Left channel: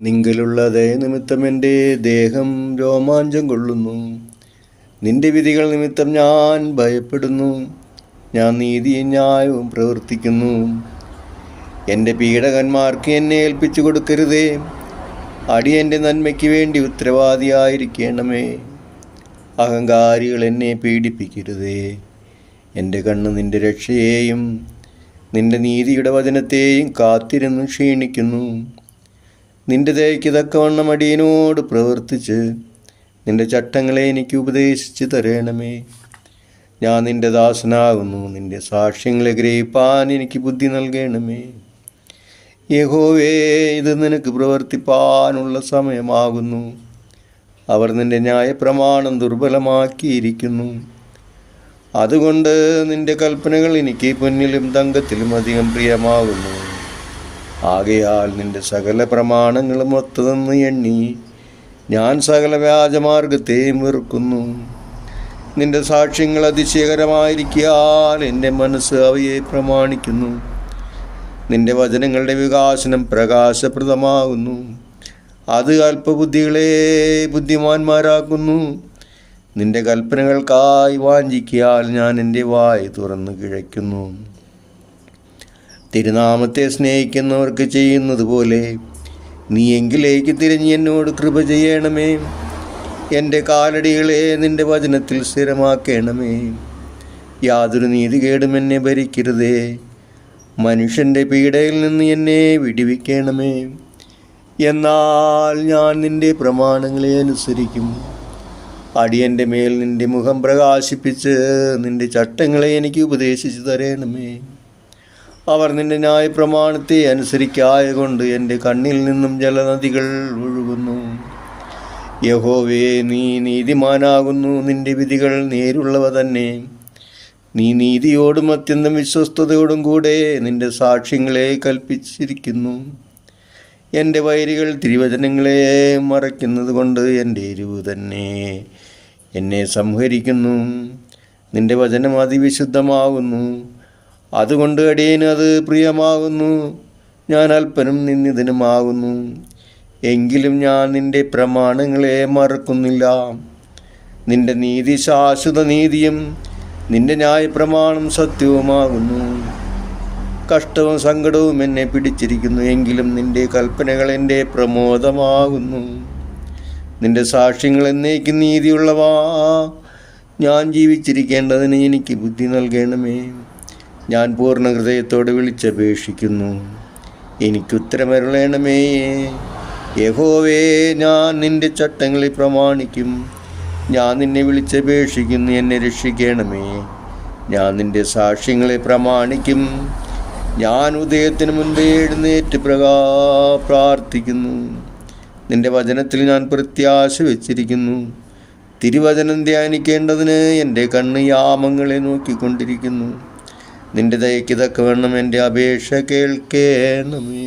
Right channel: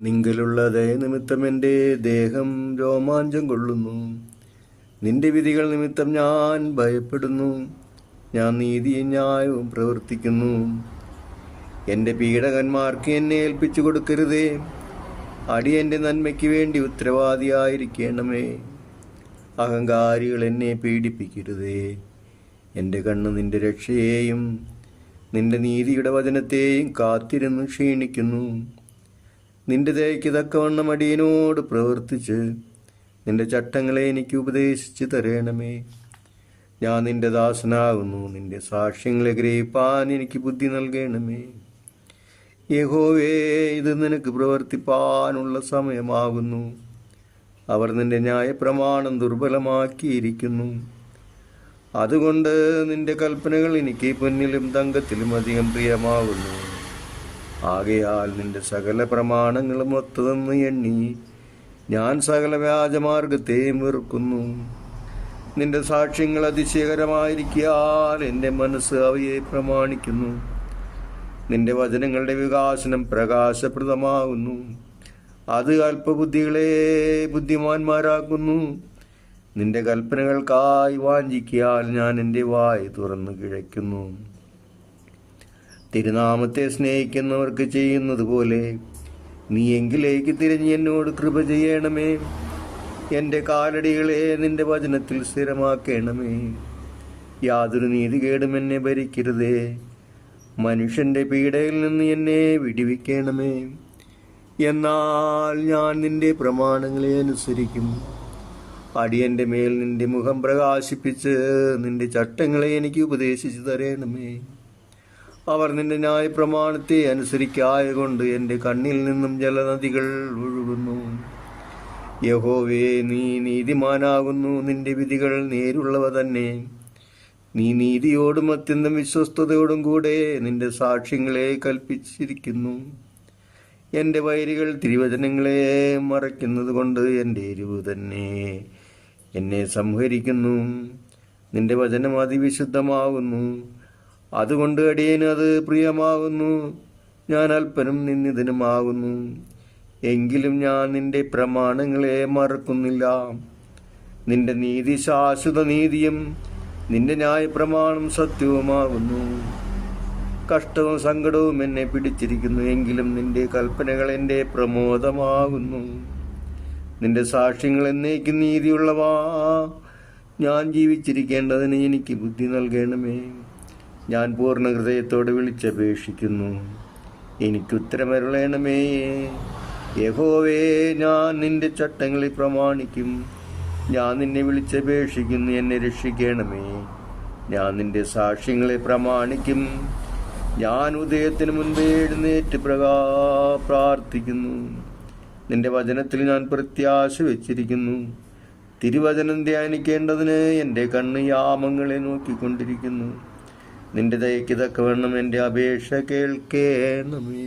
നിങ്കലുള്ള ദയനിമിത്തം എന്റെ ദേഹം രോമാഞ്ചം കൊള്ളുന്നു. നിന്റെ വിധികൾ നിമിത്തം ഞാൻ ഭയപ്പെടുന്നു. ഞാൻ നീതിയും ന്യായവും പ്രവർത്തിക്കുന്നു. എന്റെ പീഡകന്മാർക്ക് എന്നെ ഏൽപ്പിച്ചു കൊടുക്കരുതേ. അടിയന്റെ നന്മയ്ക്ക് വേണ്ടി ഉത്തരവാദിയായിരിക്കണമേ. അഹങ്കാരികൾ എന്നെ പീഡിപ്പിക്കരുതേ. എന്റെ കണ്ണ് നിന്റെ രക്ഷയെയും നിന്റെ നീതിയുടെ വചനത്തെയും കാത്തിരുന്നു ക്ഷീണിക്കുന്നു. നിന്റെ ദയയ്ക്ക് തക്കവണ്ണം അടിയനോട് പ്രവർത്തിച്ച് നിന്റെ ചട്ടങ്ങളെ എനിക്ക് ഉപദേശിച്ച് തരണമേ. ഞാൻ നിന്റെ ദാസനാകുന്നു നിന്റെ സാക്ഷ്യങ്ങളെ ഗ്രഹിപ്പാൻ എനിക്ക് ബുദ്ധി നൽകണമേ. യഹോവേ ഇത് നിനക്ക് പ്രവർത്തിപ്പാനുള്ള സമയമാകുന്നു. അവർ നിന്റെ ന്യായപ്രമാണം ദുർബലമാക്കിയിരിക്കുന്നു. അതുകൊണ്ട് നിന്റെ കൽപ്പനകൾ എനിക്ക് പൊന്നിലും തങ്കത്തിലും അധികം പ്രിയമാകുന്നു. ആകയാൽ നിന്റെ സകല പ്രമാണങ്ങളും ഒത്തതെന്ന് എണ്ണി ഞാൻ സകല വ്യാജമാർഗത്തെയും വെറുക്കുന്നു. നിന്റെ സാക്ഷ്യങ്ങൾ അതിശയകരമായിരിക്കാൽ എന്റെ മനസ്സ് അവയെ പ്രമാണിക്കുന്നു. നിന്റെ വചനങ്ങളുടെ വികാസനം പ്രകാശപ്രദമാകുന്നു. അത് അല്പബുദ്ധികളെ ബുദ്ധിമാന്മാരാക്കുന്നു. നിന്റെ കൽപ്പനകൾക്കായി വാഞ്ചിക്കിയാൽ ഞാൻ എന്റെ വായ് തുറന്നു കിഴയ്ക്കുന്നു. തിരുനാമത്തെ സ്നേഹിക്കുന്നവർക്ക് ചെയ്യുന്നത് പോലെ നീ എങ്കിലേക്ക് തിരിഞ്ഞ് എന്നോട് കൃപ ചെയ്യണമേ. എന്റെ കാലടികളെ നിന്റെ വചനത്തിൽ സ്ഥിരമാക്കണമേ. യാതൊരു നീതികേടും എന്നെ ഭരിക്കരുതേ. മനുഷ്യന്റെ പീഡയിൽ നിന്ന് എന്നെ വിടിവിക്കണമേ. എന്നാൽ ഞാൻ നിന്റെ പ്രമാണങ്ങളെ അനുസരിക്കും. അടിയന്റെ മേൽ നിന്റെ മുഖം പ്രകാശിപ്പിച്ച് നിന്റെ ചട്ടങ്ങളെ എനിക്ക് ഉപദേശിച്ചു തരണമേ. അവർ നിന്റെ ന്യായ പ്രമാണത്തെ അനുസരിക്കായകൊണ്ട് എന്റെ കണ്ണിൽ നിന്നും ജലനദികൾ ഒഴുകുന്നു. യഹോവേ നീ നീതിമാനാകുന്നു. നിന്റെ വിധികൾ നേരുള്ളവ തന്നെ. നീ നീതിയോടും അത്യന്തം വിശ്വസ്തയോടും കൂടെ നിന്റെ സാക്ഷ്യങ്ങളെ കൽപ്പിച്ചിരിക്കുന്നു. എന്റെ വൈരികൾ തിരുവചനങ്ങളെ മറയ്ക്കുന്നത് കൊണ്ട് എന്റെ എരിവ് തന്നെ എന്നെ സംഹരിക്കുന്നു. നിന്റെ വചനം അതിവിശുദ്ധമാകുന്നു. അതുകൊണ്ട് അടിയന് അത് പ്രിയമാകുന്നു. ഞാൻ അല്പനും നിന്നിതനുമാകുന്നു എങ്കിലും ഞാൻ നിന്റെ പ്രമാണങ്ങളെ മറക്കുന്നില്ല. നിന്റെ നീതി ശാശ്വത നീതിയും നിന്റെ ന്യായപ്രമാണം സത്യവുമാകുന്നു. കഷ്ടവും സങ്കടവും എന്നെ പിടിച്ചിരിക്കുന്നു. എങ്കിലും നിന്റെ കൽപ്പനകൾ എന്റെ പ്രമോദമാകുന്നു. നിന്റെ സാക്ഷ്യങ്ങൾ എന്നേക്കും നീതിയുള്ളവാ. ഞാൻ ജീവിച്ചിരിക്കേണ്ടതിന് എനിക്ക് ബുദ്ധി നൽകണമേ. ഞാൻ പൂർണ ഹൃദയത്തോട് വിളിച്ചപേക്ഷിക്കുന്നു. എനിക്കുത്തരമരുളേണമേ. യഹോവേ ഞാൻ നിന്റെ ചട്ടങ്ങളിൽ പ്രമാണിക്കും. ഞാൻ നിന്നെ വിളിച്ചപേക്ഷിക്കുന്നു എന്നെ രക്ഷിക്കണമേ. ഞാൻ നിന്റെ സാക്ഷ്യങ്ങളെ പ്രമാണിക്കും. ഞാൻ ഉദയത്തിന് മുൻപേ എഴുന്നേറ്റ് പ്രകാ പ്രാർത്ഥിക്കുന്നു. നിന്റെ വചനത്തിൽ ഞാൻ പ്രത്യാശ വെച്ചിരിക്കുന്നു. തിരുവചനം ധ്യാനിക്കേണ്ടതിന് എന്റെ കണ്ണ് യാമങ്ങളെ നോക്കിക്കൊണ്ടിരിക്കുന്നു. നിന്റെ ദയക്ക് തക്കവണ്ണം എന്റെ അപേക്ഷ കേൾക്കേണമേ